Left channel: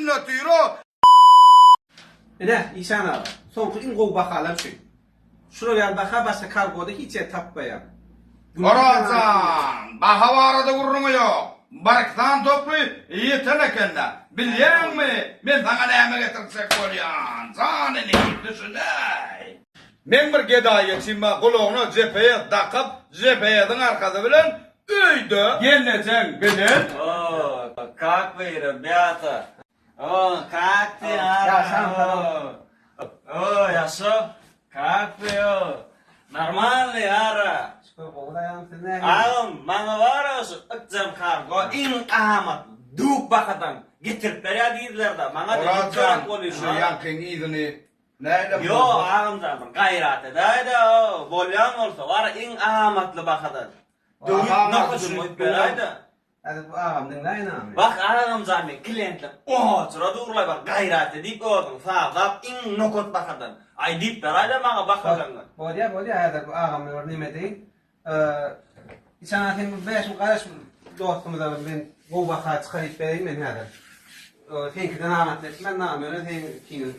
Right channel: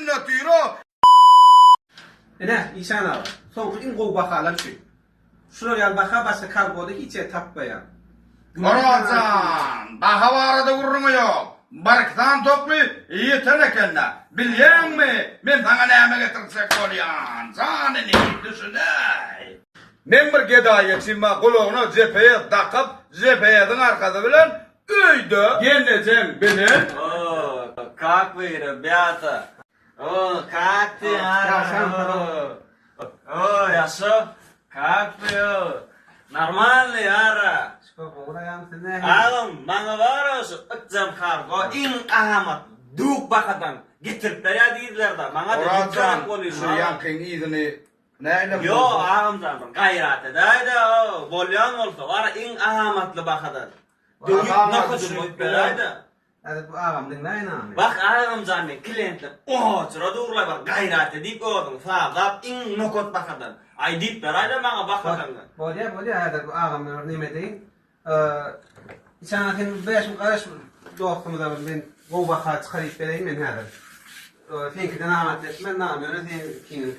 sünneti o. Ne İşan ağa. Soňky in gowy bahalar şu. Şuraya gel baha başa kargoda hiç tapmayan. Oracan, baha varada vurrumu yok. Barktan toplu yetenekenne. Bilyen mi? Men sana näme getirsek bolýan. Zanini düşünäy. Men bir gedaýa çimma guloguna cepheye dakıp cepheyeden arkada bilen öýde geleceğim bilen. Как вы, ребята? О, как ты, Ара? О, яшо? Как ты? Нормальный, Ара? Alım, bana var olsun, ıkcam kargo, in amat, duk bakadan, getirip berya deydiler da, bana da Oracan, konuşuyor. yankın iyidini neyle Yo, ağamdan, gayrat edaydı o, volyan olsa, var in amatlı bakadan. Duk nokuşunu beraydı. Hadi bu ağam dinleyin abi. Bak ağam zami, klientler, oho, sıra durulay var, gayrat edip ordun, fazap, in nokot bakadan. Ay deyip beraydı bana bakadan. Bolya hadi bu ağam örneğime değil. İçan akin beşim karış dostumda ben gowy baha çıkarıp bereyim men hadi. Senkiden anlatmak namı öyle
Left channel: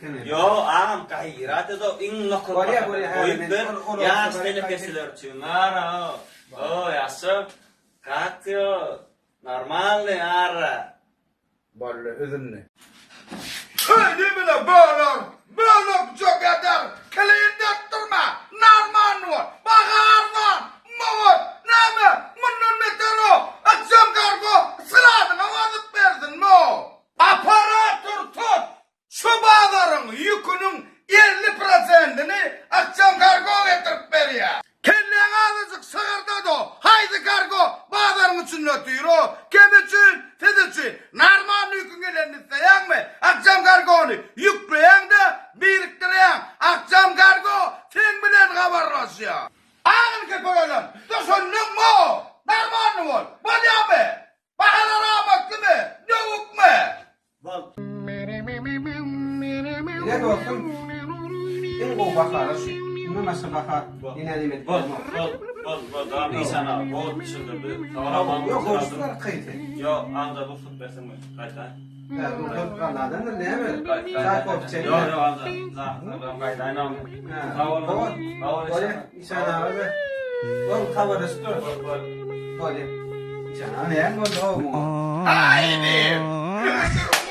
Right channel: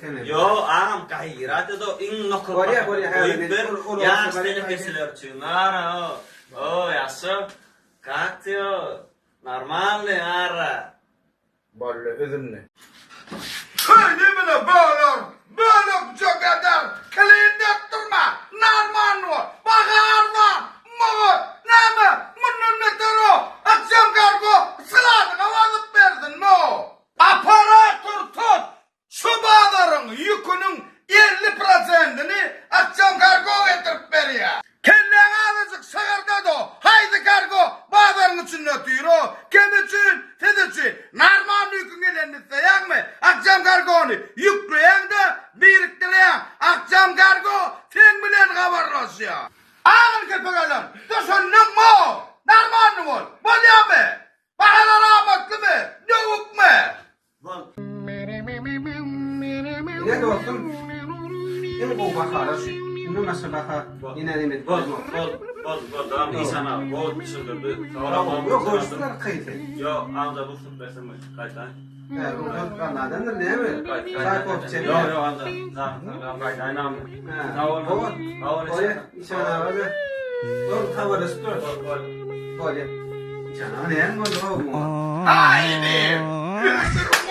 sen Yo, ağam gayrat edo, in nokot Bolya, bakadan. Yas telefesiler için, ara o, yasso, как ты, нормальный, Ара. Böyle üzümlü. Haydi bile böyle çok eder. Kliyende durma. Narman var. Bakar var. Mor. Neme. Bunun nedir o? Akşam kargo. Sıradın avazıp verdin no. Aparatör tut. Şu bağların yükünün 50%'ini akşam kargo getirip veriyor. Kendine azıcık sığırda da haydi kargo bağların için ötüyor o. Kim için? Siz için. Narman yükün elinde yan mı? Akşam kargonu yükleyen de biriktiren akşam kargo sen bilen haberleşiyor. Ağın köpeğelim. Düşündün mü? Narman mı? Bolya mı? Bağlar ahmaklı mı? Yavuk mu? Ne dostum? In gowy bahalar şu. Bunu nasıl baha inelim. Bol, daha iyi sana, bol düşündürdü. Yok hoşlar kıydı. Yo, amca bu süt versin kaç tane? Kanadan ne mi? Saat ofçeli. Yo, amca. Kaç tane amca? Bolya İşan abi. Oğlum tavada sütür. Bolya. İşan abi ne oldu? Haydi.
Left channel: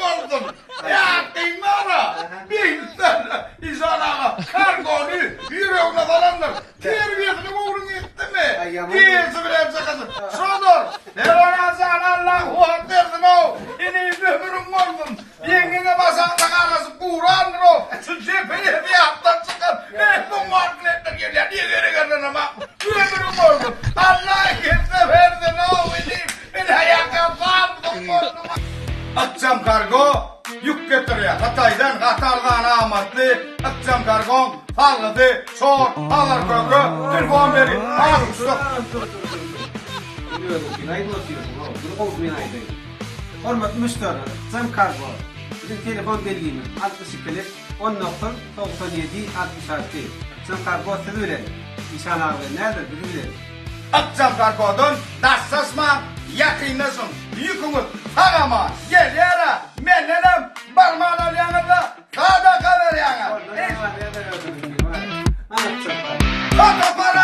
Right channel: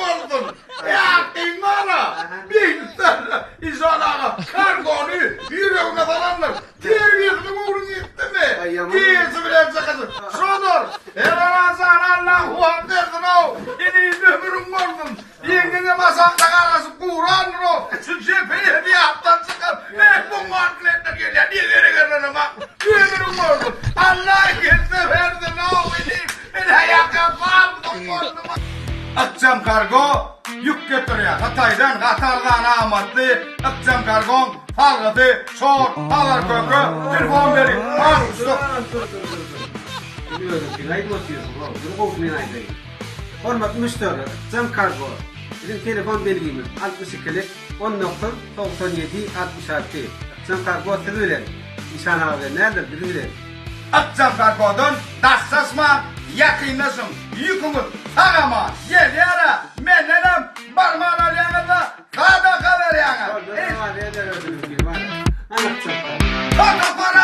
Oldum. Ya dinlara. Bilsene. İzanağa. Kargonu yüreğine falanlar. Terbiyesini uğrun gitti mi? Diyesi bile sakasın. Şudur. Devana sana Allahu Akber'dir o. İni ömürüm oldum. Yengene masakta karası Kur'an'dır o. Şu cepheli bir haftan çıkar. Ne bu markletler geliyor. Niye geri geldin ama? Yüreğim oldum. Allah gitse verdin o. Beni ayakta bağırdım. Akşam kargo yük getiriyor. Hatay'dan, Katar'dan amatlı. Akşam kargon falgıdı, çok, halar köprü, telefon verin. Var usta. Biliyorum ki neydi basıyorsun o? Dur kovmayın aydı. Hormat müşteri, Akşam kargo. Bizim telefon belgimiz 62'lik 10.97 66. Akşam kargo sizi bilen. İşan abi neredir bizi bilen. Akşam kargodan dassasma, yakınlasın. Yükümüz ağama, gel yara, menlenem, barmağına yanında, kada kalır yana. Anlatacağım. Kada para